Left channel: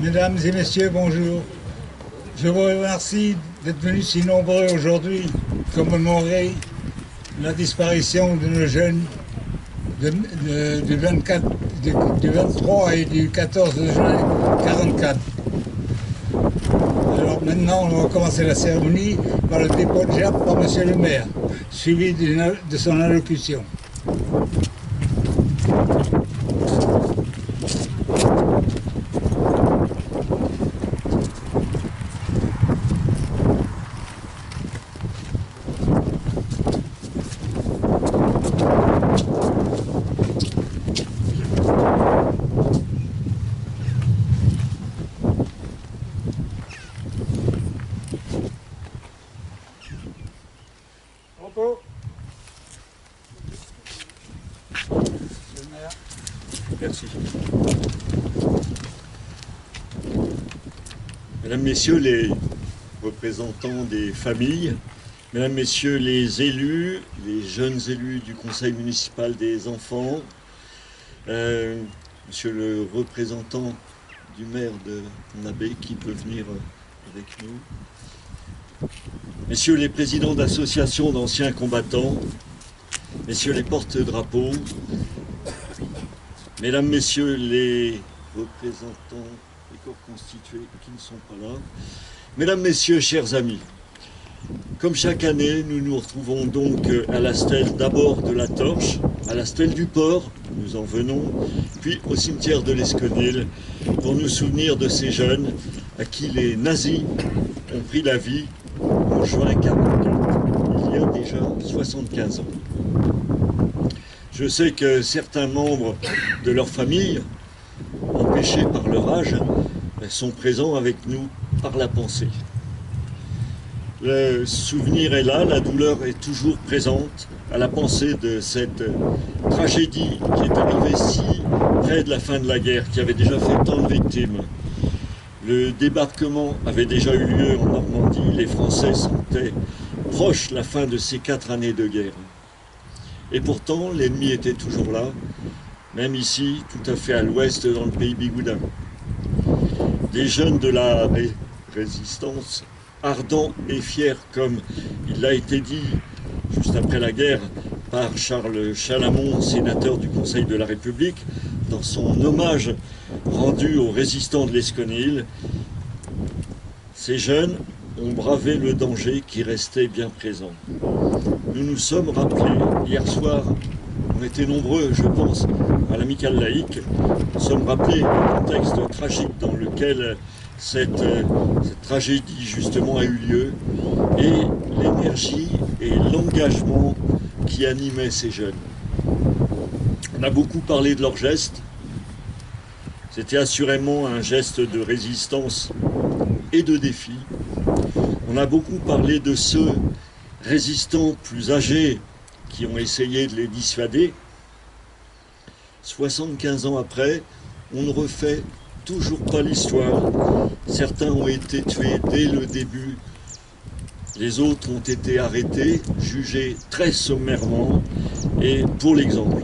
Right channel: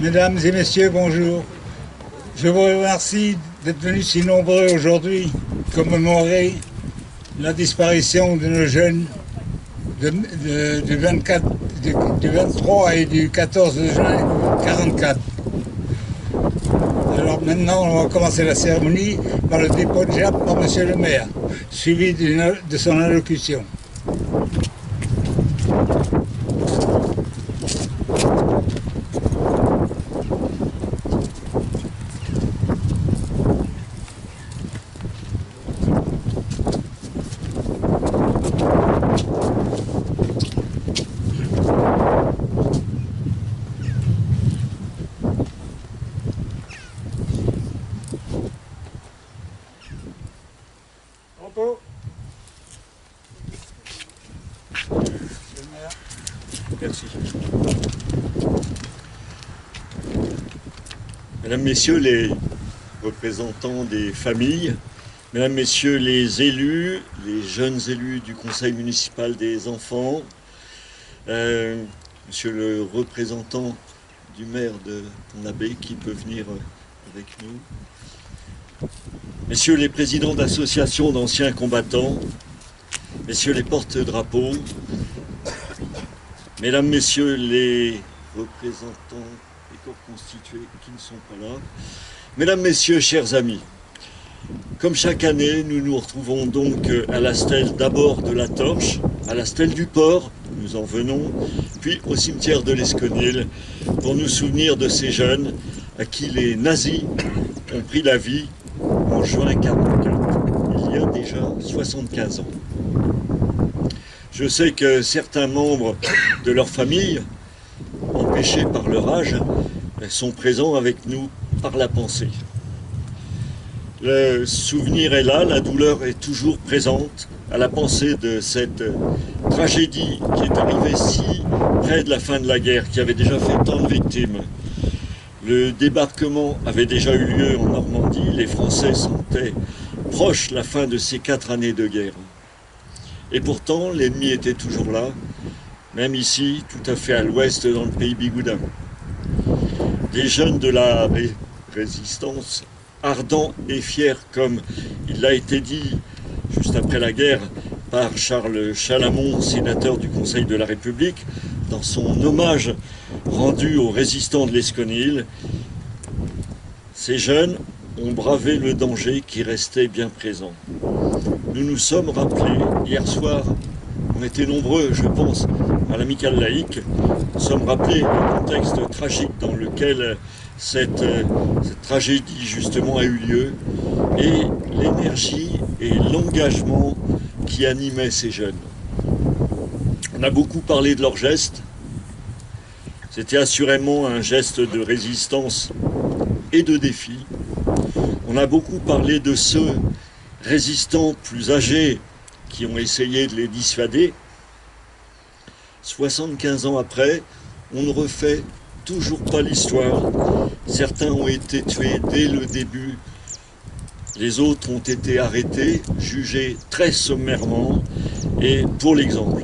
Mesdames et messieurs, bonjour. Je vous remercie d'être venus si nombreux aujourd'hui commémorer la disparition de nos jeunes du 23 et du 14 juin 1944. Alors maintenant, on va commencer la cérémonie par le dépôt de gerbe par Monsieur le maire, suivi de son allocution. Merci. Mesdames, Messieurs les représentants des familles, Mesdames, Messieurs les élus, les jeunes élus du Conseil municipal des enfants, Monsieur le représentant du maire de Pont-l'Abbé qui peut venir avec nous, Messieurs les présidents d'associations d'anciens combattants, Messieurs les porte-drapeaux, Mesdames, Messieurs les représentants des corps constitués qui ne sont pas là, Mesdames, Messieurs, chers amis, comme chaque année, nous nous retrouvons donc à la stèle d'abord de la Torche, à la stèle du Port, nous en venons, puis au cimetière de l'Esconil pour nous souvenir de ces jeunes à qui les nazis ont pris la vie en juin 1944, il y a déjà 75 ans. Je sais que certains membres de leur famille, empêchés par leur âge, sont présents avec nous par la pensée. Le souvenir est là, la douleur est toujours présente à la pensée de cette tragédie qui est arrivée si près de la fin de la guerre, qui avait déjà fait tant de victimes. Le débarquement avait déjà eu lieu en Normandie, les Français sentaient proche la fin de ces 4 années de guerre. Et pourtant, l'ennemi était toujours là, même ici, tout à fait à l'ouest, dans le pays bigoudin. Des jeunes de la résistance, ardents et fiers, comme il l'a été dit juste après la guerre par Charles Chalamont, sénateur du Conseil de la République, dans son hommage rendu aux résistants de l'Esconil. Ces jeunes ont bravé le danger qui restait bien présent. Nous nous sommes rappelés, hier soir, on était nombreux, je pense, à l'amicale laïque, nous sommes rappelés le contexte tragique dans lequel cette tragédie justement a eu lieu et l'énergie et l'engagement qui animaient ces jeunes. On a beaucoup parlé de leurs gestes, c'était assurément un geste de résistance et de défi. On a beaucoup parlé de ceux résistants plus âgés qui ont essayé de les dissuader. 75 ans après, on refait toujours pas l'histoire. Certains ont été tués dès le début. Les autres ont été arrêtés, jugés très sommairement. Et pour l'exemple,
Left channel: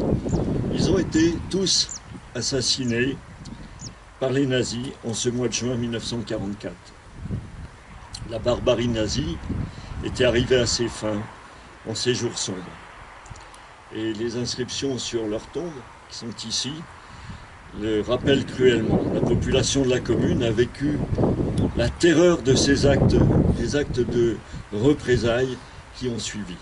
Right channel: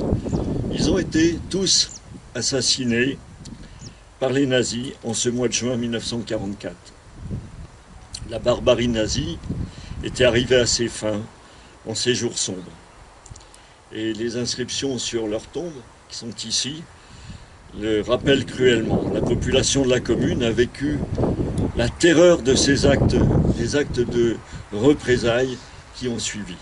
ils ont été tous assassinés par les nazis en ce mois de juin 1944. La barbarie nazie était arrivée à ses fins en ces jours sombres. Et les inscriptions sur leurs tombes, qui sont ici, le rappellent cruellement. La population de la commune a vécu la terreur de ces actes, des actes de représailles qui ont suivi.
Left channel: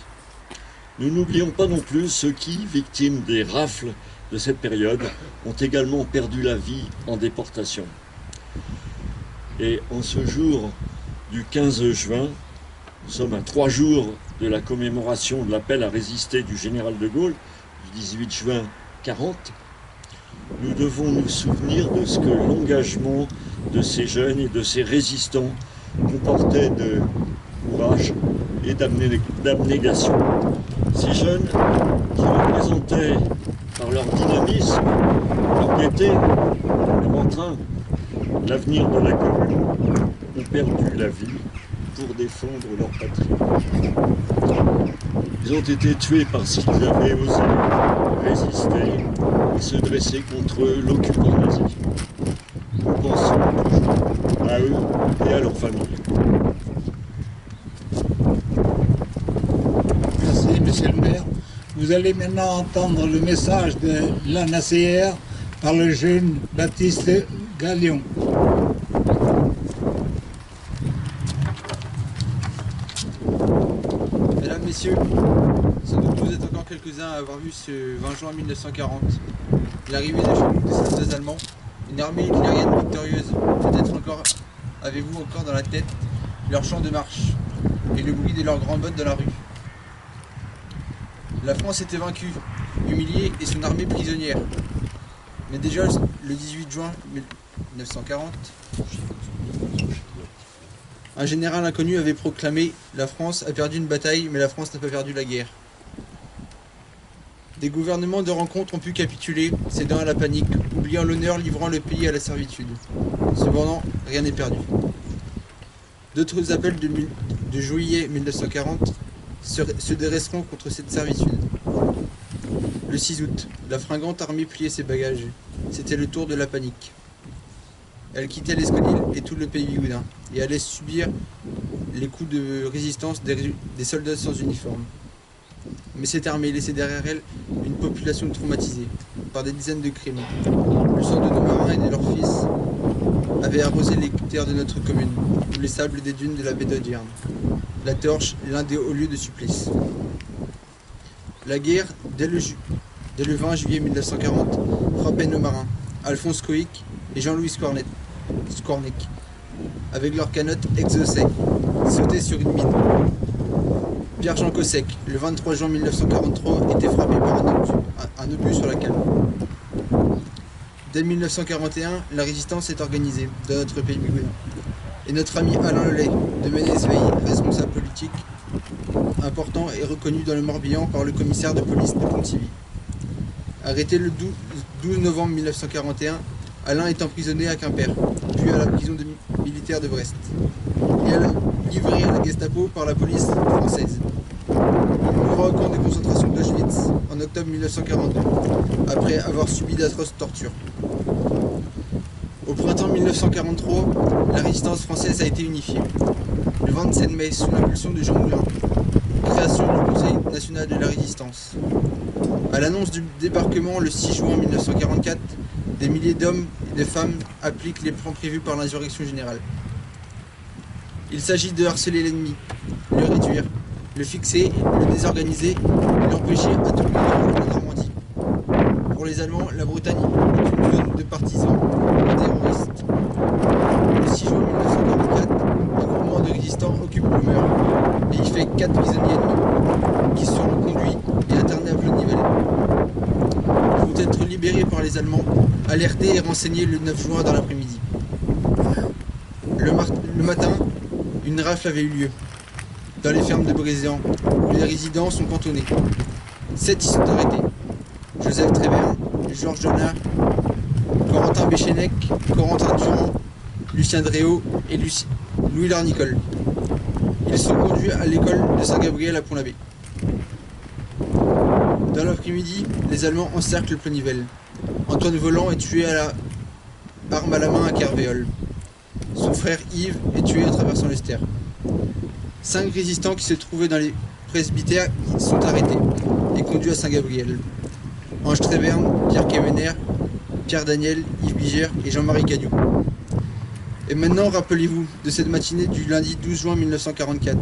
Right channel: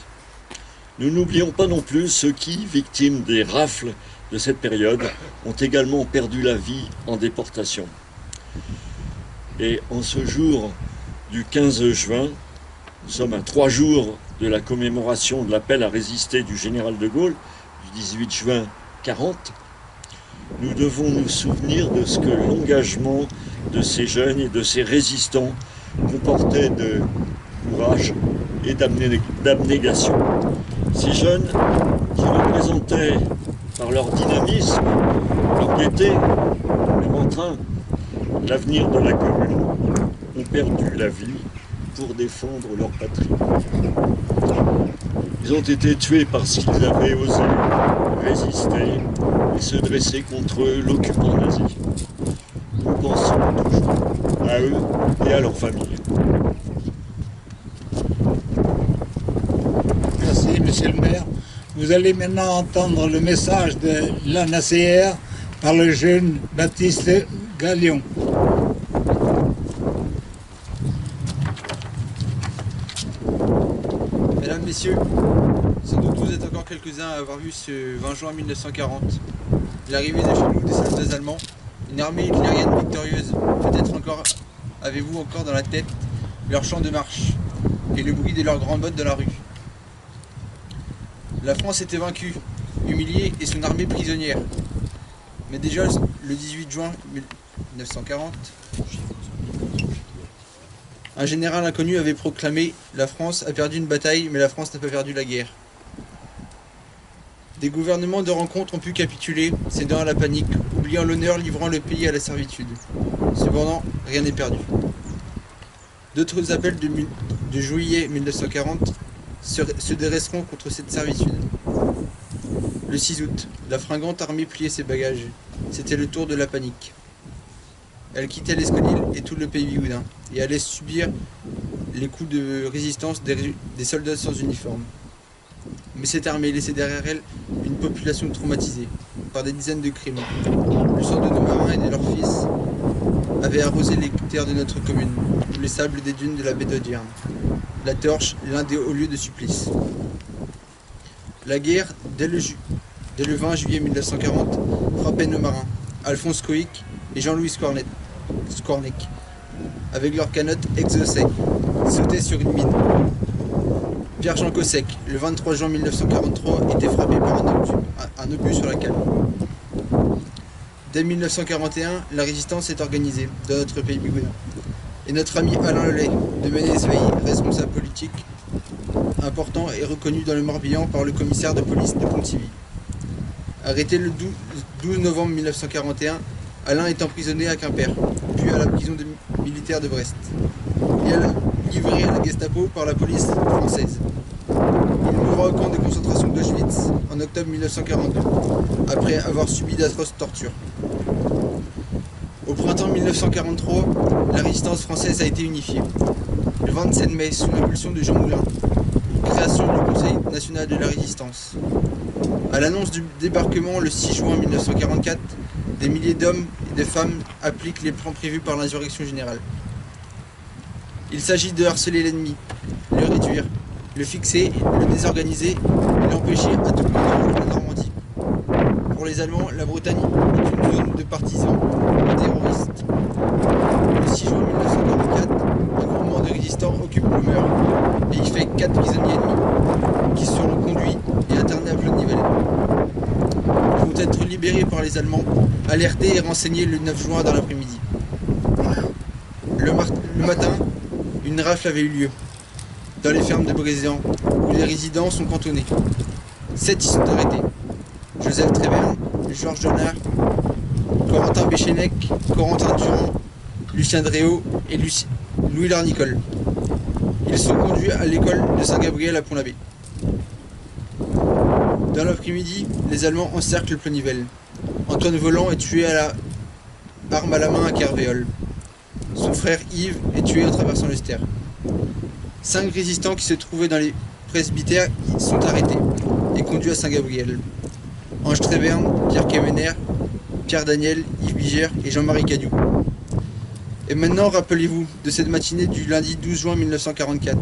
Nous n'oublions pas non plus ceux qui, victimes des rafles de cette période, ont également perdu la vie en déportation. Et en ce jour du 15 juin, nous sommes à 3 jours de la commémoration de l'appel à résister du général de Gaulle, du 18 juin 40, nous devons nous souvenir de ce que l'engagement de ces jeunes et de ces résistants comportait de courage et d'abnégation. Ces jeunes qui représentaient par leur dynamisme, leur gaieté, leur entrain, l'avenir de la commune, ont perdu la vie pour défendre leur patrie. Ils ont été tués parce qu'ils avaient osé résister et se dresser contre l'occupant nazi. Nous pensons toujours à eux et à leurs familles. Merci, monsieur le maire. Vous allez maintenant entendre le message de l'ANACR par le jeune Baptiste Gallion. Mesdames, Messieurs, sans doute vous êtes encore quelques-uns à avoir vu ce 20 juin 1940 l'arrivée de chez nous des soldats allemands, une armée hitlérienne victorieuse. Peut-être encore avez-vous encore dans la tête leur chant de marche et le bruit de leurs grands bottes dans la rue. La France était vaincue, humiliée et son armée prisonnière. Mais déjà le 18 juin 1940, un général inconnu avait proclamé « La France a perdu une bataille, mais la France n'a pas perdu la guerre ». Des gouvernements de rencontre ont pu capituler, cédant à la panique, oubliant l'honneur, livrant le pays à la servitude. Cependant, rien n'est perdu. D'autres appels de juillet 1940 se dresseront contre cette servitude. Le 6 août, la fringante armée pliait ses bagages. C'était le tour de la panique. Elle quittait l'Esconnil et tout le pays bigoudin, et allait subir les coups de résistance des soldats sans uniforme. Mais cette armée laissait derrière elle une population traumatisée par des dizaines de crimes. Le sang de nos marins et de leurs fils avait arrosé les terres de notre commune, ou les sables des dunes de la baie d'Audierne. La torche, l'un des hauts lieux de supplice. La guerre, dès le 20 juillet 1940, frappait nos marins, Alphonse Coïc et Jean-Louis Skornek, avec leurs canottes exaucées, sautaient sur une mine. Pierre-Jean Cossec, le 23 juin 1943, était frappé par un obus sur la cale. Dès 1941, la résistance est organisée dans notre pays bigoudin. Et notre ami Alain Lelay, de Ménez-Veille, responsable politique important et reconnu dans le Morbihan par le commissaire de police de Pontivy. Arrêté le 12 novembre 1941, Alain est emprisonné à Quimper, puis à la prison militaire de Brest. Il est livré à la Gestapo par la police française. Il mourra au camp de concentration d'Auschwitz en octobre 1942, après avoir subi d'atroces tortures. Au printemps 1943, la résistance française a été unifiée. Le 27 mai, sous l'impulsion de Jean Moulin, création du Conseil national de la résistance. À l'annonce du débarquement le 6 juin 1944, des milliers d'hommes et de femmes appliquent les plans prévus par l'insurrection générale. Il s'agit de harceler l'ennemi, le réduire, le fixer, le désorganiser et l'empêcher à tout prix de rejoindre la Normandie. Pour les Allemands, la Bretagne est une zone de partisans terroristes. Le 6 juin 1944, un groupement de résistants occupe le Meur et y fait 4 prisonniers ennemis qui seront conduits et internés à Plot-Nivelle. Ils vont être libérés par les Allemands, alertés et renseignés le 9 juin dans l'après-midi. Le matin, une rafle avait eu lieu dans les fermes de Brézéan, où les résidents sont cantonnés. 7 y sont arrêtés. Joseph Tréverne, Georges Donard, Corentin Béchenec, Corentin Durand, Lucien Dréau et Louis Larnicole. Ils sont conduits à l'école de Saint-Gabriel à Pont-l'Abbé. Dans l'après-midi, les Allemands encerclent Plonivelle. Antoine Voland est tué à la arme à la main à Kervéole. Son frère Yves est tué en traversant l'Ester. 5 résistants qui se trouvaient dans les presbytères sont arrêtés et conduits à Saint-Gabriel. Ange Tréberne, Pierre Kemener, Pierre Daniel, Yves Biger et Jean-Marie Cadiou. Et maintenant, rappelez-vous de cette matinée du lundi 12 juin 1944.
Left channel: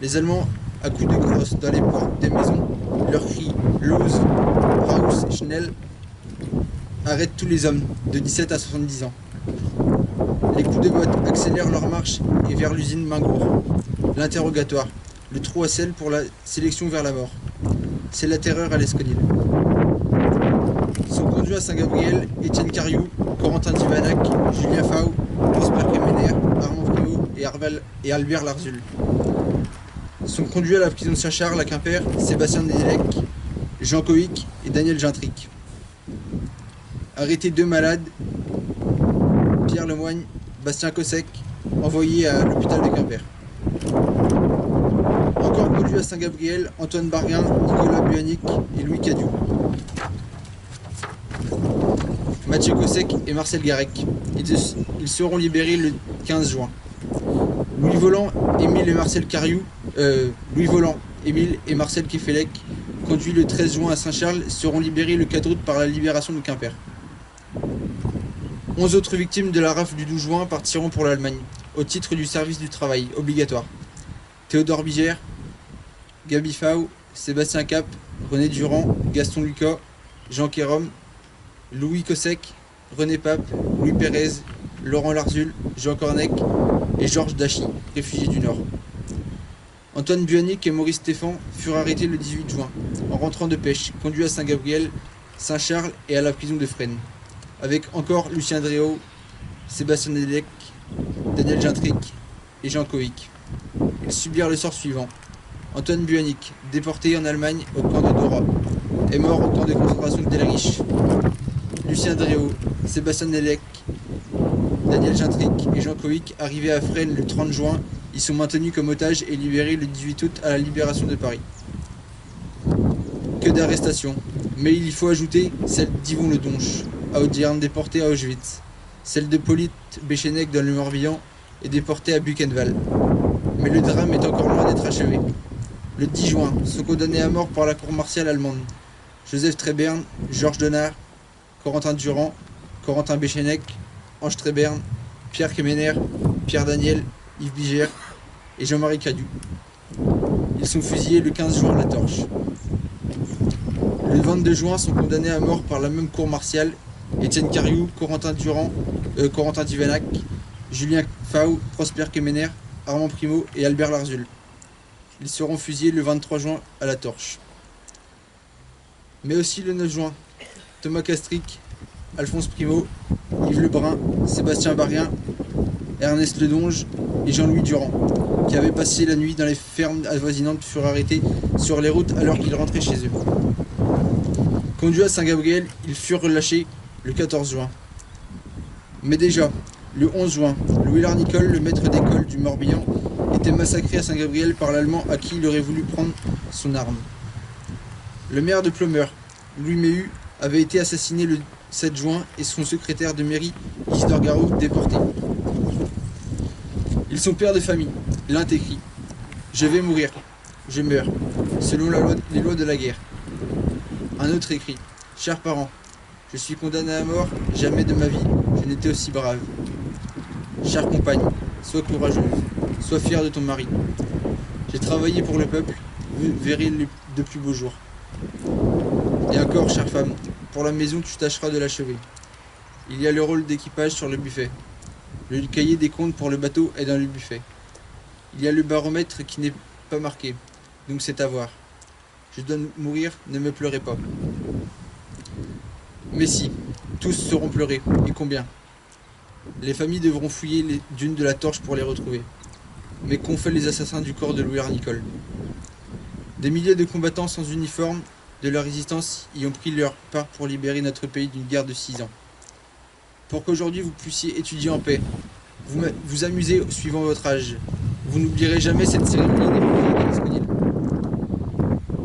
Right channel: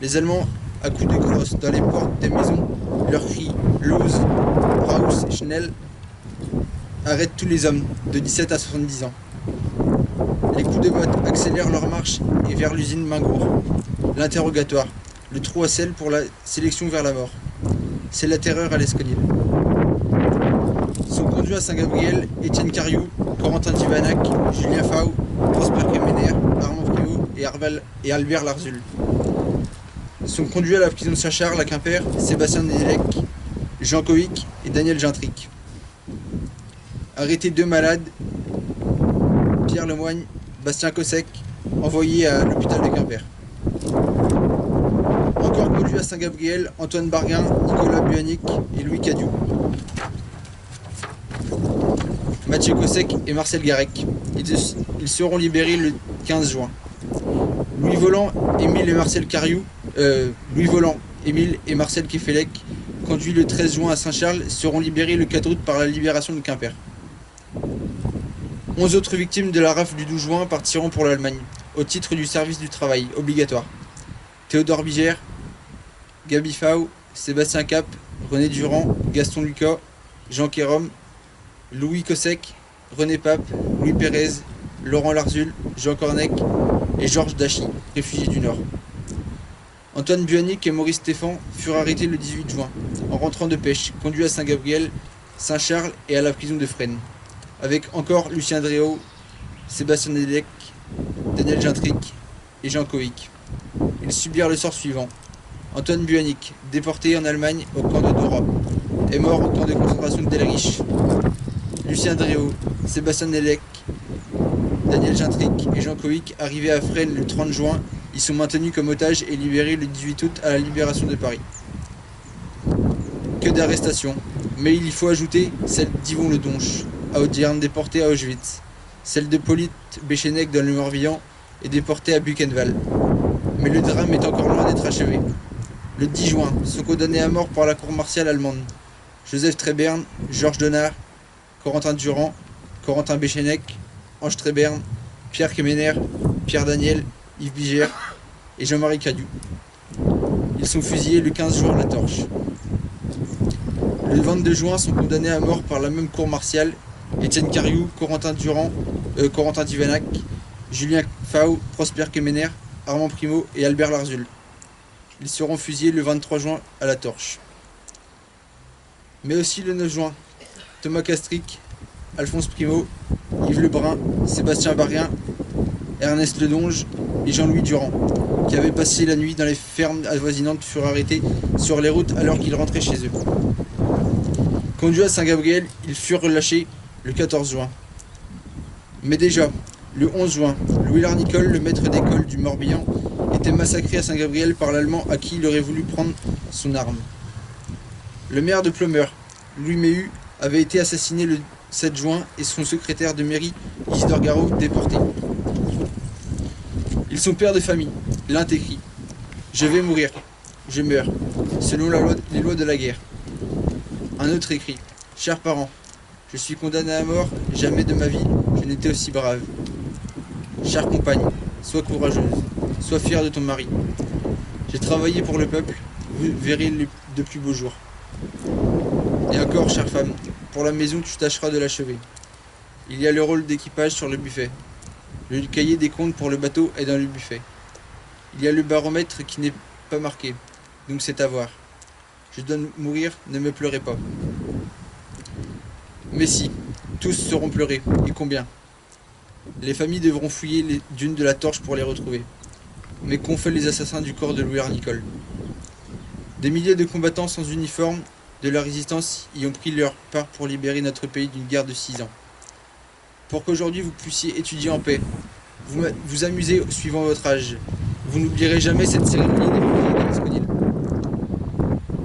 Les Allemands, à coups de crosse dans les portes des maisons, leur crient « Los, Raus, Schnell » arrêtent tous les hommes de 17 à 70 ans. Les coups de botte accélèrent leur marche et vers l'usine Mingour. L'interrogatoire, le trou à sel pour la sélection vers la mort. C'est la terreur à l'Esconil. Sont conduits à Saint-Gabriel Étienne Cariou, Corentin Divanac, Julien Fau, Prosper Kemener, Armand Primo et Albert Larzul. Sont conduits à la prison de Saint-Charles à Quimper Sébastien Nedelec, Jean Coïc et Daniel Gintric. Arrêtés 2 malades, Pierre Lemoigne, Bastien Cossec, envoyés à l'hôpital de Quimper. Encore conduits à Saint-Gabriel, Antoine Barguin, Nicolas Buanic et Louis Cadiou. Mathieu Cossec et Marcel Garec. Ils seront libérés le 15 juin. Louis Voland, Émile et Marcel Kefelec, conduits le 13 juin à Saint-Charles, seront libérés le 4 août par la libération de Quimper. 11 autres victimes de la rafle du 12 juin partiront pour l'Allemagne, au titre du service du travail obligatoire. Théodore Biger, Gabi Fau, Sébastien Cap, René Durand, Gaston Lucas, Jean Kérom, Louis Cossec, René Pape, Louis Pérez, Laurent Larzul, Jean Cornec et Georges Dachy, réfugiés du Nord. Antoine Buanic et Maurice Stéphan furent arrêtés le 18 juin, en rentrant de pêche, conduits à Saint-Gabriel, Saint-Charles et à la prison de Fresnes, avec encore Lucien Dréau, Sébastien Nedelec, Daniel Gintric et Jean Coïc. Ils subirent le sort suivant. Antoine Buanic, déporté en Allemagne au camp de Dora, est mort au camp de concentration de Delrich. Lucien Dréau, Sébastien Nedelec, Daniel Gintric et Jean Coïc, arrivés à Fresnes le 30 juin, ils sont maintenus comme otages et libérés le 18 août à la libération de Paris. Que d'arrestations, mais il y faut ajouter celle d'Yvon Le Donche, à Audierne, déporté à Auschwitz, celle de Polyte Béchenec dans le Morbihan et déporté à Buchenwald. Mais le drame est encore loin d'être achevé. Le 10 juin, sont condamnés à mort par la cour martiale allemande Joseph Tréberne, Georges Donard, Corentin Durand, Corentin Béchenec, Ange Tréberne, Pierre Kemener, Pierre Daniel, Yves Biger et Jean-Marie Cadiou. Ils sont fusillés le 15 juin à la torche. Le 22 juin sont condamnés à mort par la même cour martiale Étienne Cariou, Corentin Divanac, Julien Fau, Prosper Kemener, Armand Primo et Albert Larzul. Ils seront fusillés le 23 juin à la torche. Mais aussi le 9 juin, Thomas Castric, Alphonse Primo, Yves Lebrun, Sébastien Barrien, Ernest Ledonge et Jean-Louis Durand, qui avaient passé la nuit dans les fermes avoisinantes, furent arrêtés sur les routes alors qu'ils rentraient chez eux. Conduits à Saint-Gabriel, ils furent relâchés le 14 juin. Mais déjà, le 11 juin, Louis Larnicole, le maître d'école du Morbihan, était massacré à Saint-Gabriel par l'Allemand à qui il aurait voulu prendre son arme. Le maire de Plumeur, Louis Méhu, avait été assassiné le 7 juin et son secrétaire de mairie, Isidore Garot, déporté. Ils sont pères de famille. L'un écrit « Je vais mourir, je meurs, selon les lois de la guerre ». Un autre écrit « Chers parents, je suis condamné à mort, jamais de ma vie je n'étais aussi brave. Chère compagne, sois courageuse, sois fière de ton mari. J'ai travaillé pour le peuple, vous verrez de plus beaux jours. Et encore, chère femme, pour la maison tu tâcheras de l'achever. Il y a le rôle d'équipage sur le buffet. Le cahier des comptes pour le bateau est dans le buffet. Il y a le baromètre qui n'est pas marqué, donc c'est à voir. Je dois mourir, ne me pleurez pas. Mais si, tous seront pleurés, et combien? Les familles devront fouiller les dunes de la torche pour les retrouver. Mais qu'ont fait les assassins du corps de Louis Larnicole? Des milliers de combattants sans uniforme de la résistance y ont pris leur part pour libérer notre pays d'une guerre de 6 ans. pour qu'aujourd'hui vous puissiez étudier en paix, vous amuser suivant votre âge. Vous n'oublierez jamais cette cérémonie des fusillés de l'Esconil.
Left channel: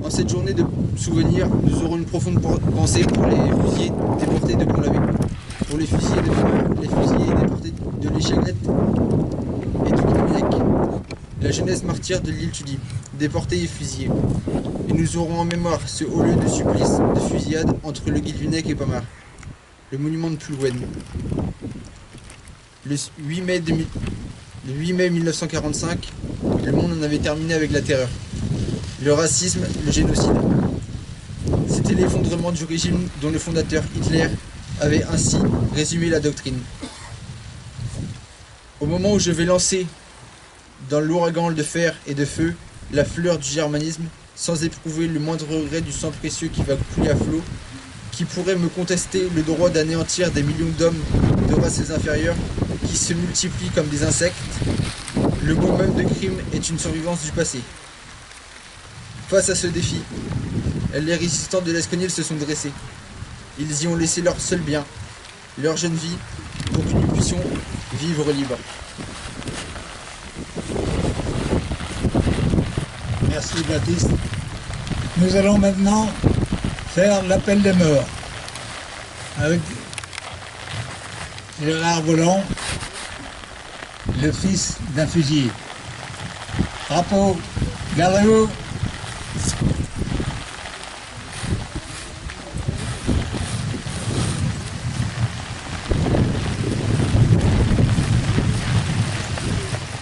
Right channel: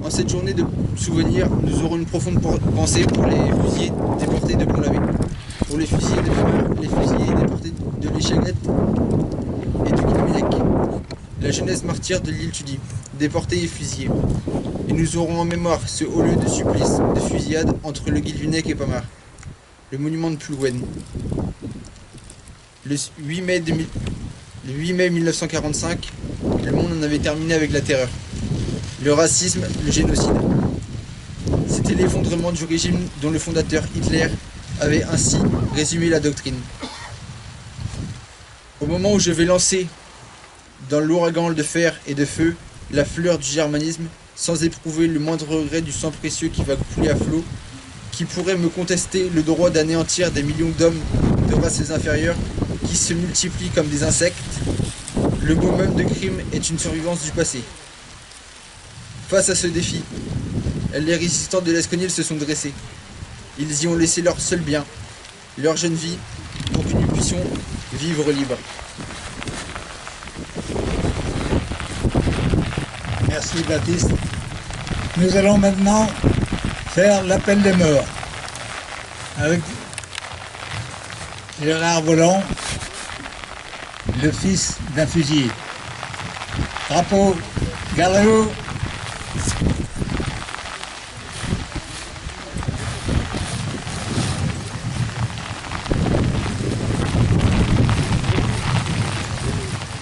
En cette journée de souvenirs, nous aurons une profonde pensée pour les fusillés déportés de Pont-l'Abbé, pour les fusillés de Famars, les fusillés déportés de l'Échagrette et du Guilvinec, la jeunesse martyre de l'île Tudy, déportés et fusillés. Et nous aurons en mémoire ce haut lieu de supplice, de fusillade entre le Guilvinec et Famars, le monument de Plouwen. Le 8 mai 1945, le monde en avait terminé avec la terreur, le racisme, le génocide. C'était l'effondrement du régime dont le fondateur Hitler avait ainsi résumé la doctrine. Au moment où je vais lancer dans l'ouragan de fer et de feu la fleur du germanisme, sans éprouver le moindre regret du sang précieux qui va couler à flot, qui pourrait me contester le droit d'anéantir des millions d'hommes de races inférieures qui se multiplient comme des insectes, le mot même de crime est une survivance du passé. Face à ce défi, les résistants de l'Esconil se sont dressés. Ils y ont laissé leur seul bien, leur jeune vie, pour que nous puissions vivre libres. Merci Baptiste. Nous allons maintenant faire l'appel des morts avec Gérard Volant, le fils d'un fusillé. Drapeau, gardez-vous.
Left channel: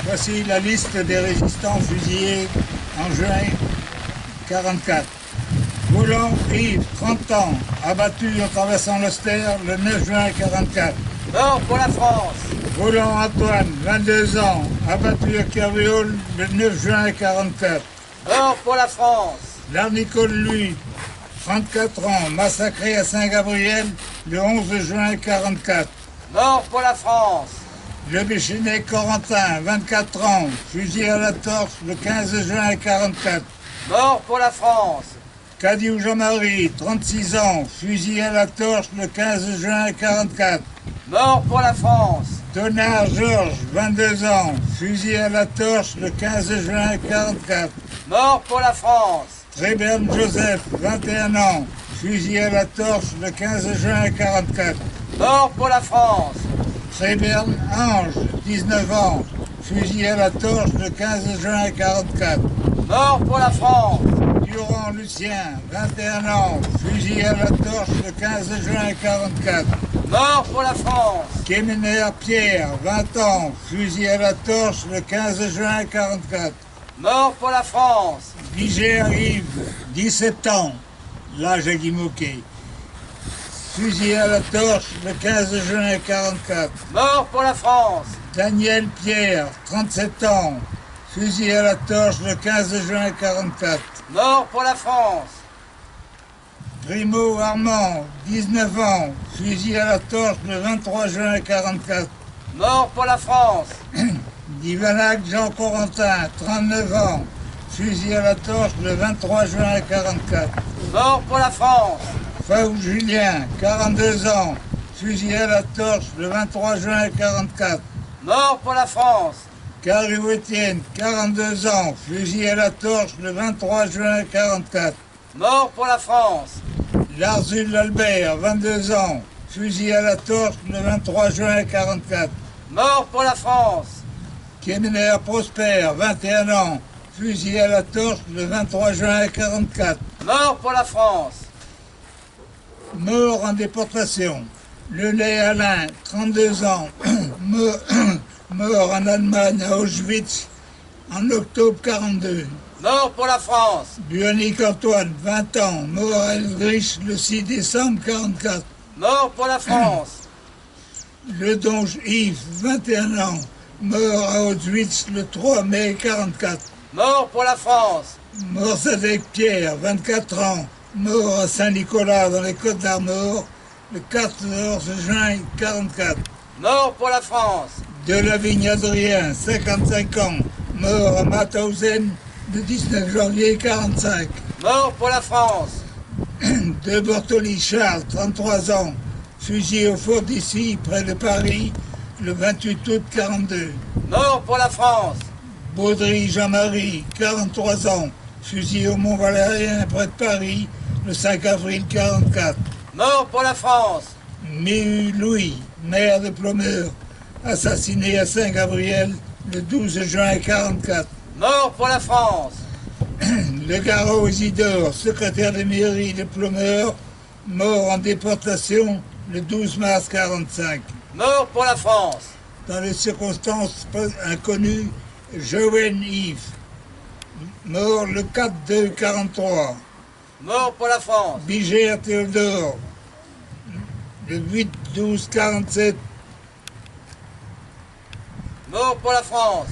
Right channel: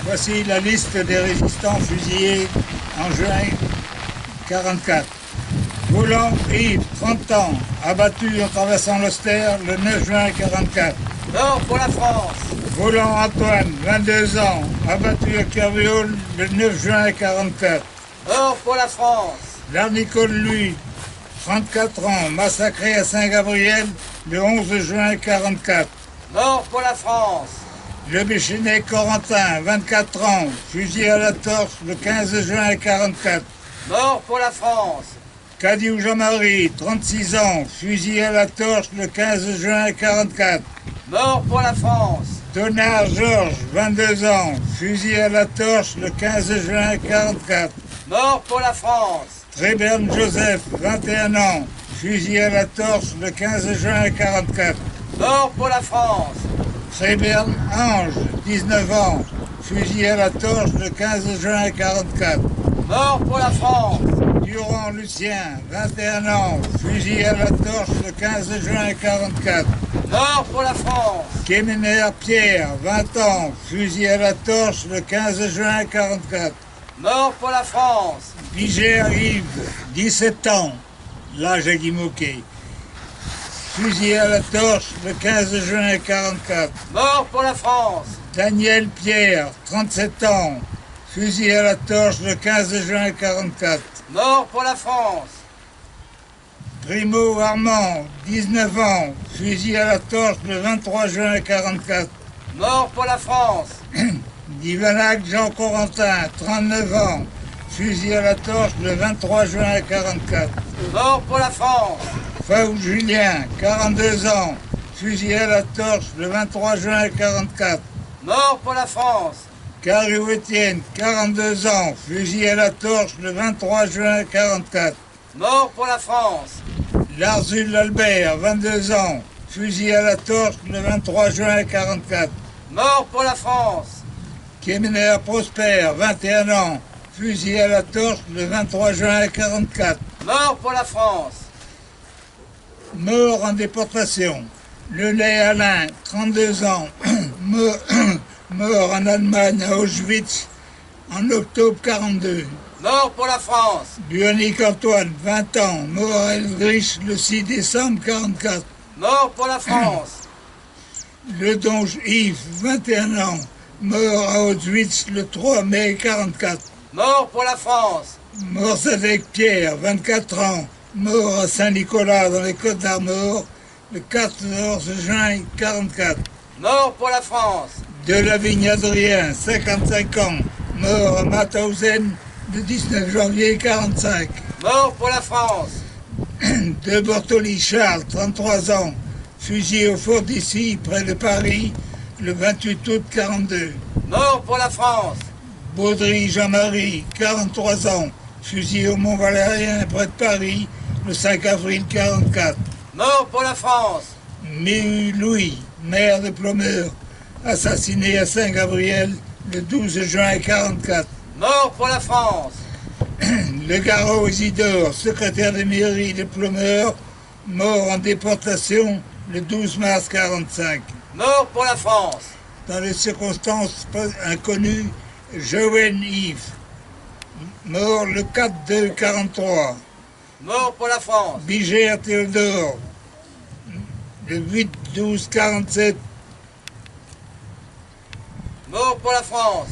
Voici la liste des résistants fusillés en juin 1944. Volant Yves, 30 ans, abattu en traversant l'Auster le 9 juin 1944. Mort pour la France. Volant Antoine, 22 ans, abattu à Kerviol le 9 juin 1944. Mort pour la France. Larnicole Louis, 34 ans, massacré à Saint-Gabriel le 11 juin 1944. Mort pour la France. Le Béchénet Corentin, 24 ans, fusillé à la torche le 15 juin 1944. Mort pour la France. Cadiou Jean-Marie, 36 ans, fusillé à la torche le 15 juin 1944. Mort pour la France. Tonard Georges, 22 ans, fusillé à la torche le 15 juin 1944. Mort pour la France. Tréberne Joseph, 21 ans, fusillé à la torche le 15 juin 1944. Mort pour la France. Tréberne Ange, 19 ans, fusillé à la torche le 15 juin 1944. Mort pour la France. Durand Lucien, 21 ans, fusillé à la torche le 15 juin 1944. Mort pour la France. Kémener Pierre, 20 ans, fusillé à la torche le 15 juin 1944. Mort pour la France. Vigère Yves, 17 ans, l'âge à Guimauquet, fusillé à la torche le 15 juin 1944. Mort pour la France. Daniel Pierre, 37 ans, fusillé à la torche le 15 juin 1944. Mort pour la France. Primo Armand, 19 ans, fusillé à la torche le 23 juin 1944. Mort pour la France. Divanac Jean Corentin, 39 ans, fusillé à la torche le 23 juin 1944. Mort pour la France. Faou Julien, 42 ans, fusillé à la torche le 23 juin 1944. Mort pour la France. Carriou Étienne, 42 ans, fusillé à la torche le 23 juin 1944. Mort pour la France. Larzul Albert, 22 ans, fusillé à la torche le 23 juin 1944. Mort pour la France. Kémener Prosper, 21 ans, fusillé à la torche le 23 juin 1944. Mort pour la France. Mort en déportation. Lelay Alain, 32 ans, mort en Allemagne à Auschwitz en octobre 1942. Mort pour la France. Buonic Antoine, 20 ans, mort à Elgrich le 6 décembre 1944. Mort pour la France. Ledonge Yves, 21 ans, mort à Auschwitz le 3 mai 1944. Mort pour la France. Morsadec Pierre, 24 ans, mort à Saint-Nicolas dans les Côtes d'Armor le 14 juin 1944. Mort pour la France. Delavigne Adrien, 55 ans, mort à Mauthausen le 19 janvier 1945. Mort pour la France. De Bortoli Charles, 33 ans, fusillé au fort d'Issy, près de Paris, le 28 août 42. Mort pour la France. Baudry Jean-Marie, 43 ans, fusillé au Mont-Valérien, près de Paris, le 5 avril 44. Mort pour la France. Méhu Louis, maire de Plomeur, assassiné à Saint-Gabriel le 12 juin 44. Mort pour la France. Le Garot Isidore, secrétaire de mairie de Plomeur, mort en déportation le 12 mars 45. Mort pour la France. Dans les circonstances inconnues, Joël Yves, mort le 4-2 43. Mort pour la France. Bigère Théodore, le 8-12 47. Mort pour la France.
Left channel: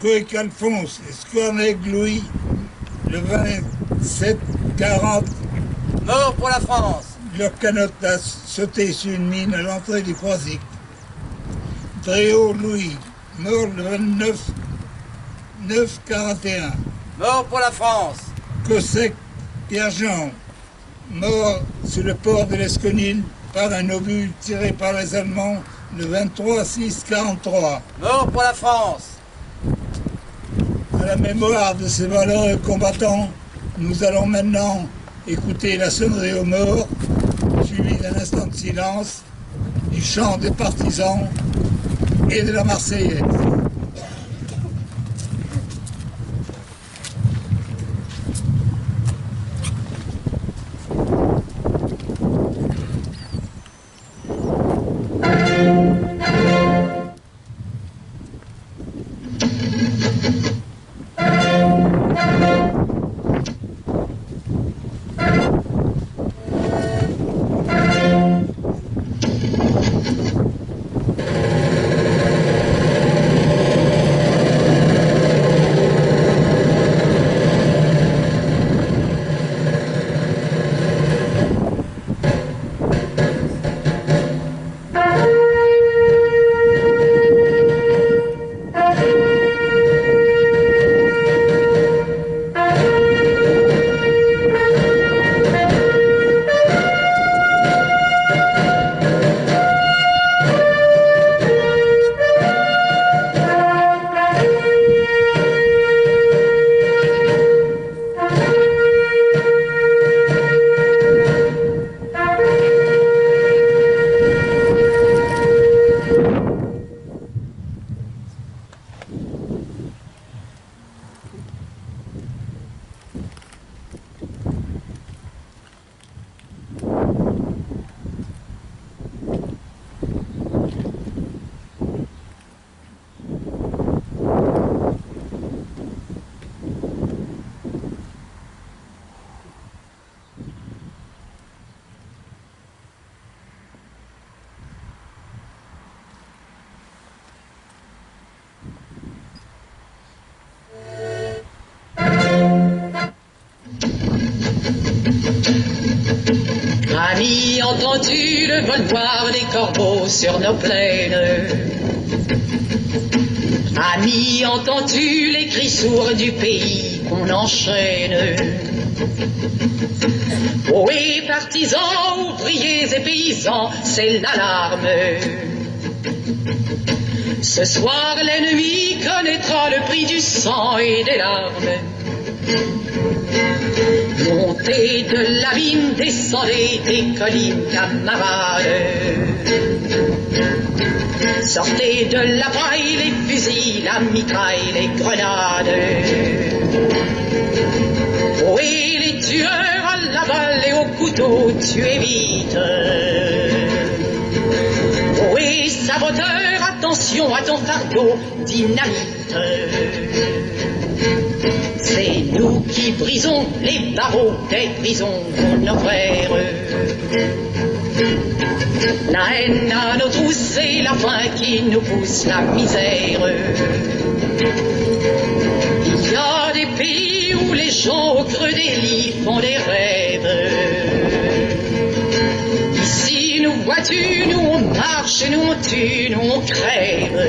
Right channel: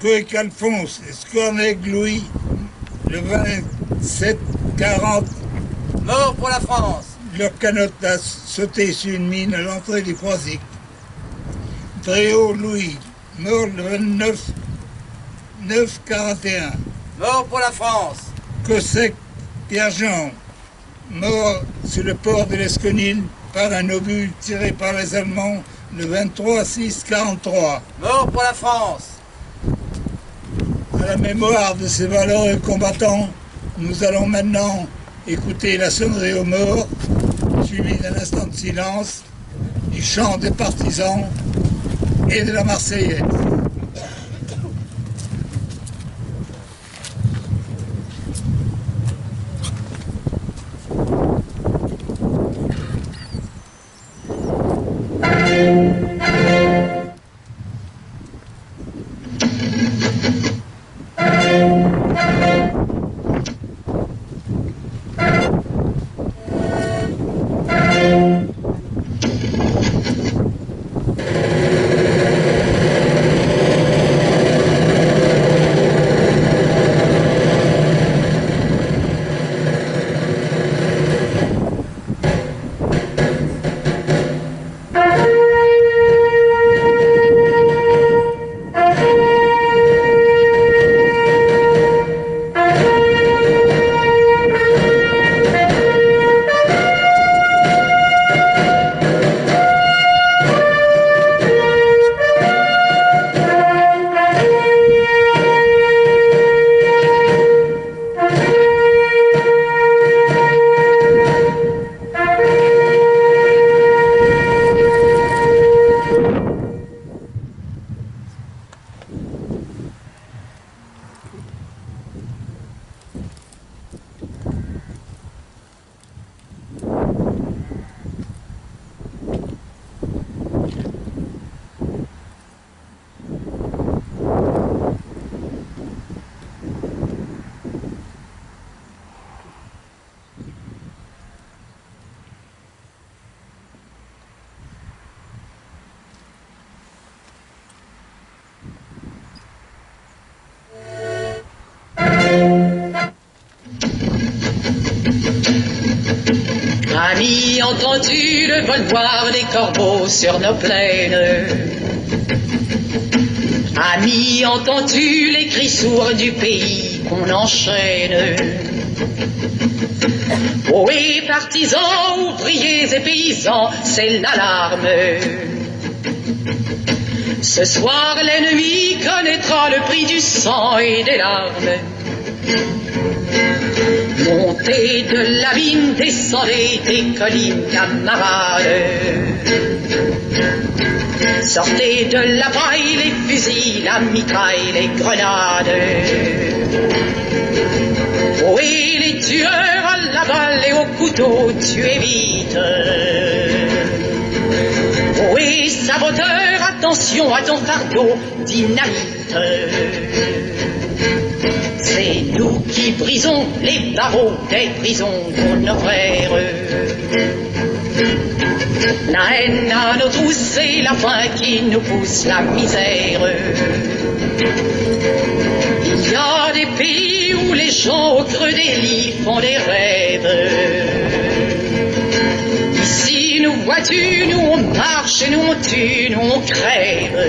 Coec Alphonse, Scornec Louis, le 27 40. Mort pour la France. Leur canotte a sauté sur une mine à l'entrée du Croisic. Dréau Louis, mort le 29 9 41. Mort pour la France. Cossec Pierre-Jean, mort sur le port de l'Esconil par un obus tiré par les Allemands le 23 6 43. Mort pour la France. À la mémoire de ces valeureux combattants, nous allons maintenant écouter la sonnerie aux morts, suivie d'un instant de silence, du chant des partisans et de la Marseillaise. Amis, entends-tu le vol noir des corbeaux sur nos plaines? Amis, entends-tu les cris sourds du pays qu'on enchaîne? Ohé, partisans, ouvriers et paysans, c'est l'alarme. Ce soir, l'ennemi connaîtra le prix du sang et des larmes. Montez de l'abîme, descendez des collines, camarades. Sortez de la paille, les fusils, la mitraille, les grenades. Ohé, les tueurs à la balle et au couteau, tuez vite. Ohé, saboteur, attention à ton fardeau, dynamite. C'est nous qui brisons les barreaux des prisons pour nos frères. La haine à nos trousses et la faim qui nous pousse la misère. Il y a des pays où les gens au creux des lits font des rêves. Ici nous vois-tu, nous on marche, nous on tue, nous on crève.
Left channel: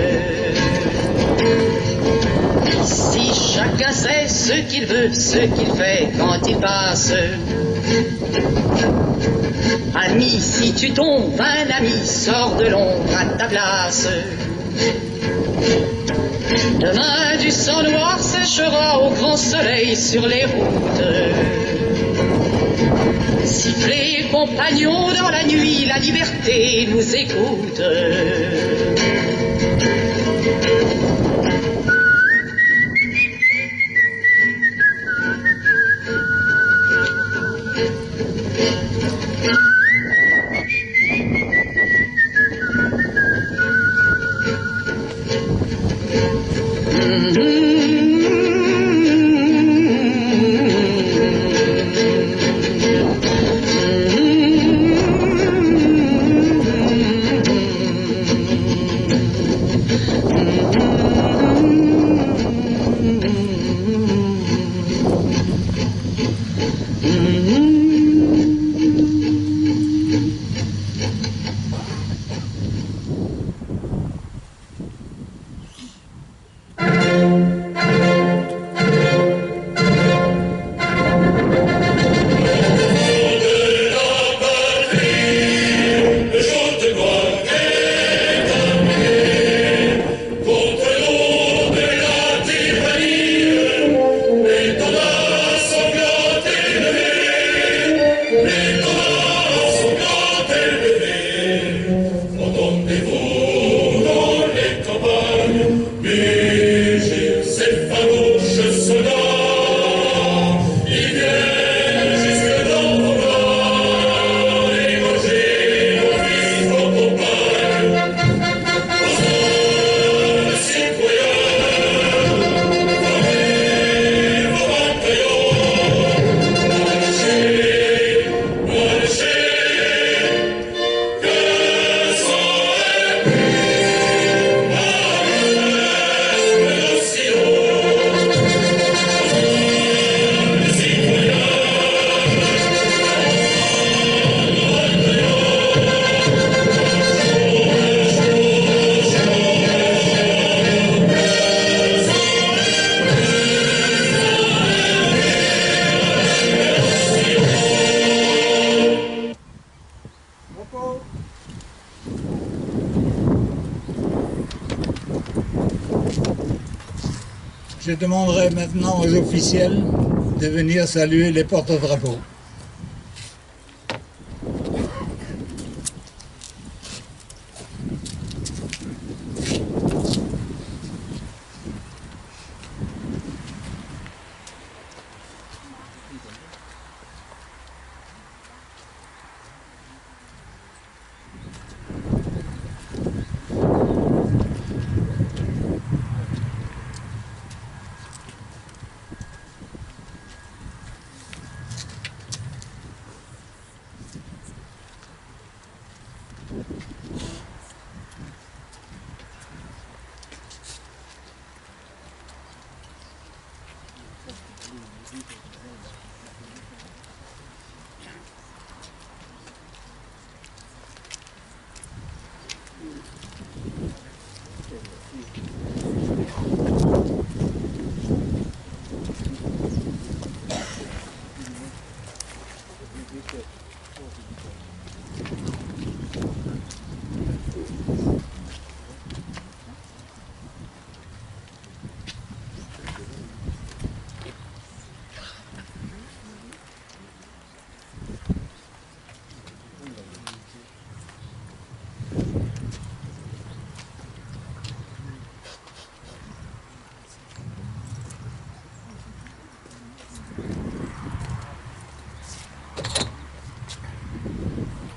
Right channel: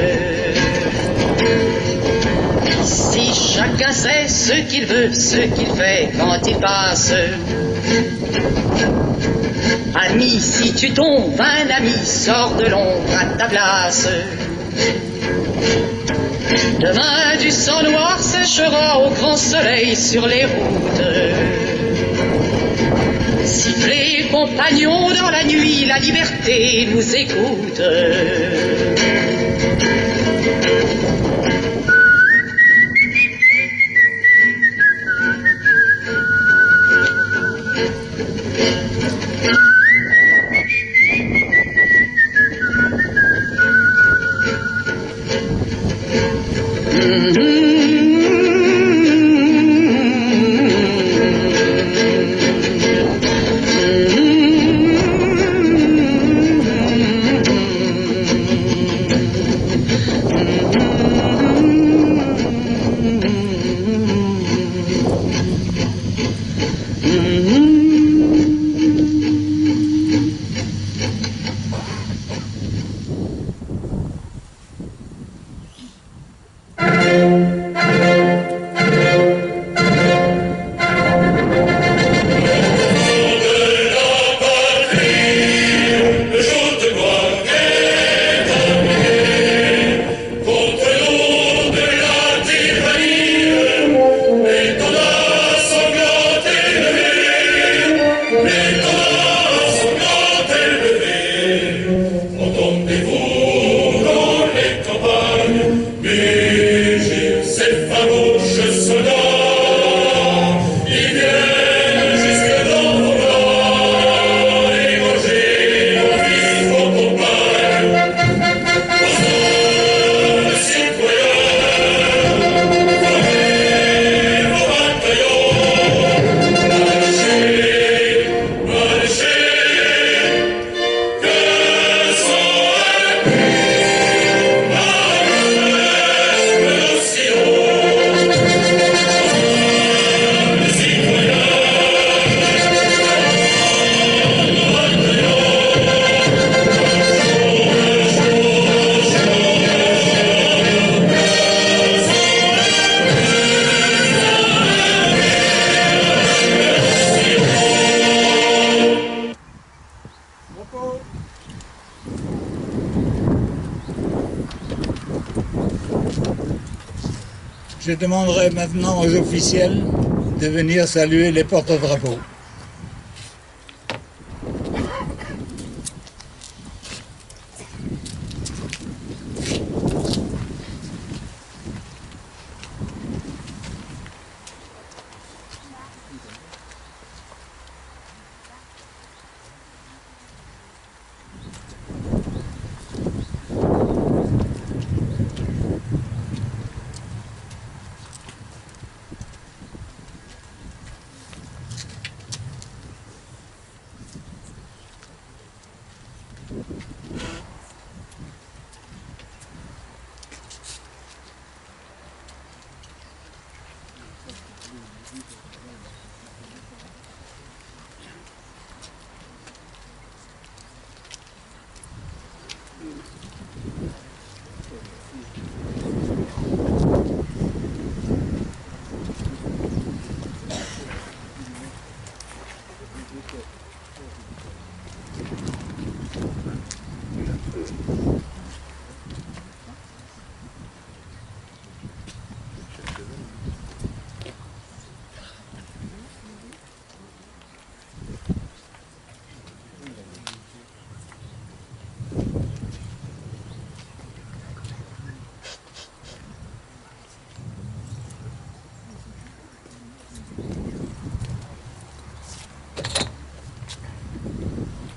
Si chacun sait ce qu'il veut, ce qu'il fait quand il passe. Ami, si tu tombes, un ami sort de l'ombre à ta place. Demain du sang noir séchera au grand soleil sur les routes. Sifflez, compagnons, dans la nuit, la liberté nous écoute. Je demanderai maintenant aux officiels de venir saluer les porte-drapeaux.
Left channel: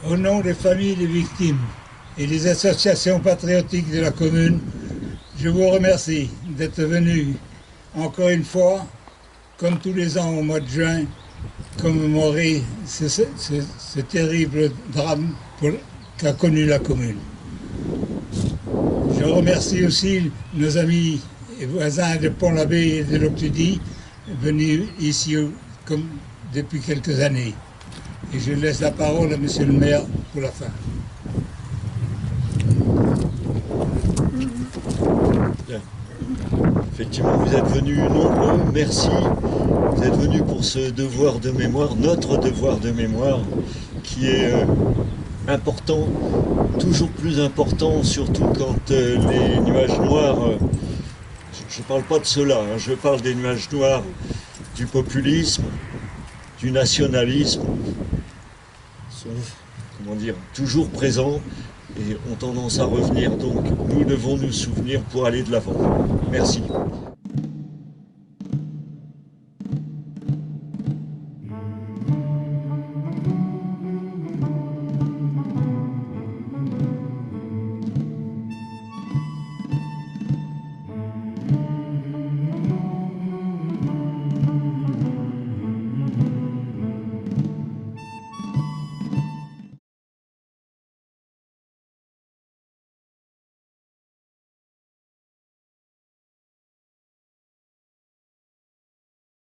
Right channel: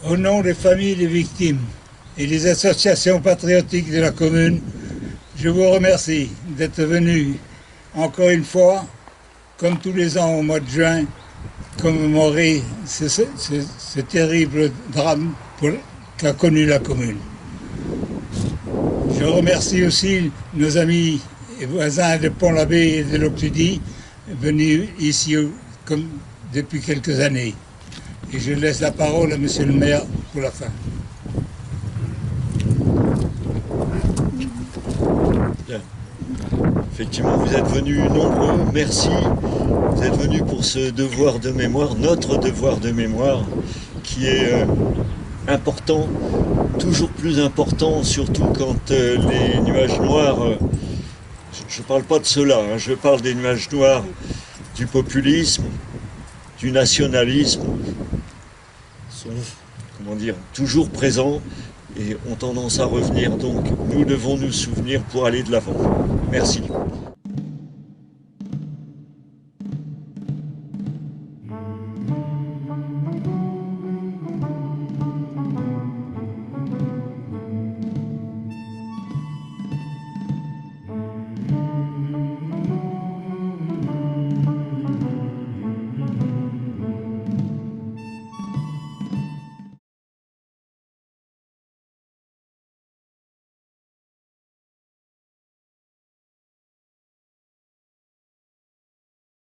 Au nom des familles des victimes et des associations patriotiques de la commune, je vous remercie d'être venus encore une fois, comme tous les ans au mois de juin, commémorer ce terrible drame qu'a connu la commune. Je remercie aussi nos amis et voisins de Pont-l'Abbé et de l'Octudie, venus ici comme depuis quelques années. Et je laisse la parole à Monsieur le maire pour la fin. Bien. Effectivement, vous êtes venus nombreux, merci. Vous êtes venus pour ce devoir de mémoire, notre devoir de mémoire, qui est important, toujours plus important, surtout quand les nuages noirs, je ne parle pas de cela, hein, je parle des nuages noirs du populisme, du nationalisme, sont, comment dire, toujours présents et ont tendance à revenir. Donc nous devons nous souvenir pour aller de l'avant. Merci.